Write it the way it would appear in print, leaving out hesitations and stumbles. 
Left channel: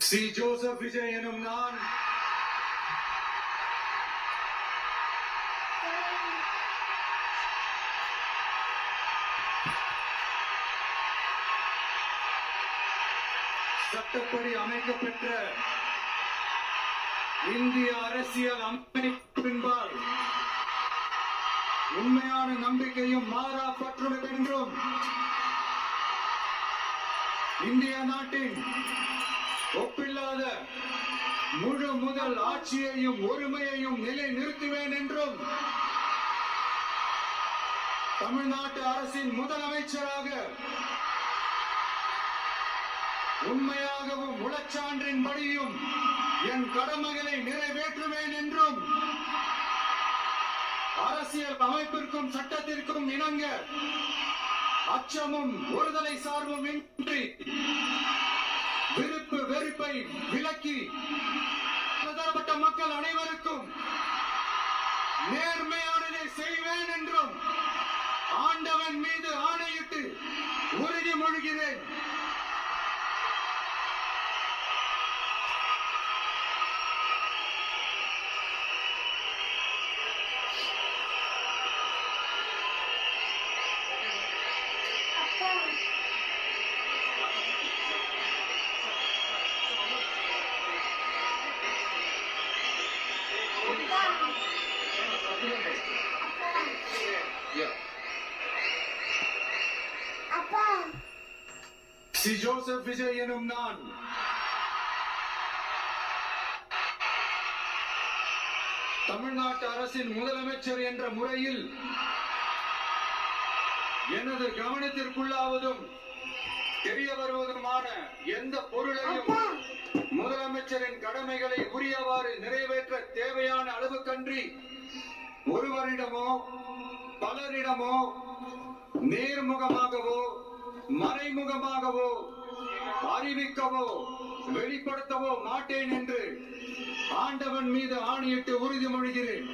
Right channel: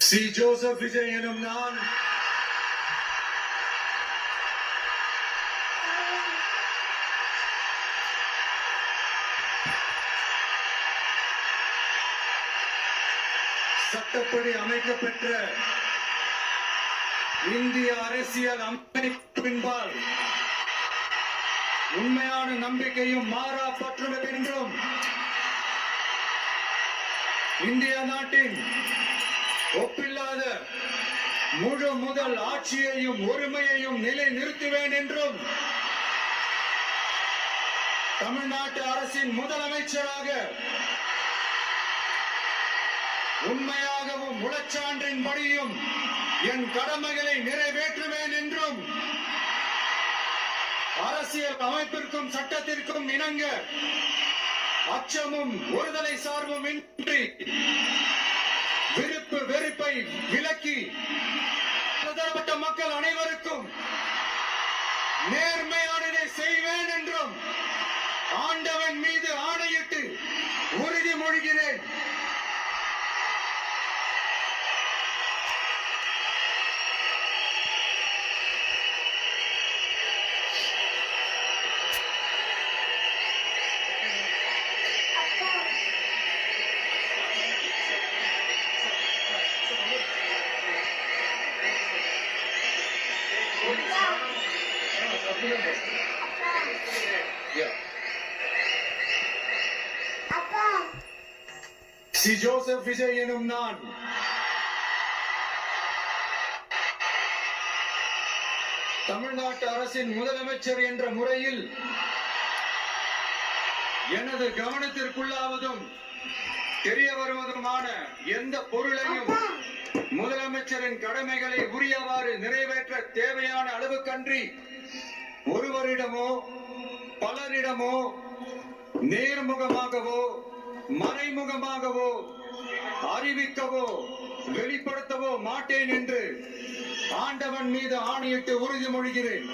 C. Joseph Vijay எனும் நான் சட்டப்படி அமைக்கப்பெற்ற இந்திய அரசியல் அமைப்பின்பால் உண்மையான நம்பிக்கையும் மாறா பற்றுதல் என்றும் இந்திய நாட்டின் ஒப்பில்லாத முழு முதல் ஆட்சியையும் ஒருமையையும் நிலை நிறுத்துவேன் என்றும் தமிழ்நாட்டு அரசின் முதலமைச்சராக உண்மையாகவும் உளச்சான்றின்படியும் என் கடமைகளை நிறைவேற்றுவேன் என்றும் அரசியல் அமைப்பிற்கும் சட்டத்திற்கும் இணங்க அச்சமும் ஒருதலை சார்பும் இன்றி விருப்பு வெறுப்பை விலக்கி பலதரப்பட்ட மக்கள் அனைவருக்கும் நேர்மையானதை செய்வேன் என்றும் ஆண்டவன் மீது ஆணையிட்டு உறுதிமொழிகிறேன். சி. ஜோசப் விஜய் எனும் நான் தமிழ்நாட்டு அரசின் முதலமைச்சர் என்ற முறையில் எனது கவனத்திற்குள்ளாவதும் தெரிய வருவதுமான எந்த பொருளையும் முதலமைச்சரின் கடமைகளை உரியவாறு நிறைவேற்ற தேவையான அளவுக்கன்றி ஒருவரிடமோ பலரிடமோ நேர்முகமாகவோ மறைமுகமாகவோ அறிவிக்கவோ வெளிப்படுத்தவோ மாட்டேன் என்று ஆண்டவன் மீது ஆணையிட்டு உறுதிமொழிகிறேன்.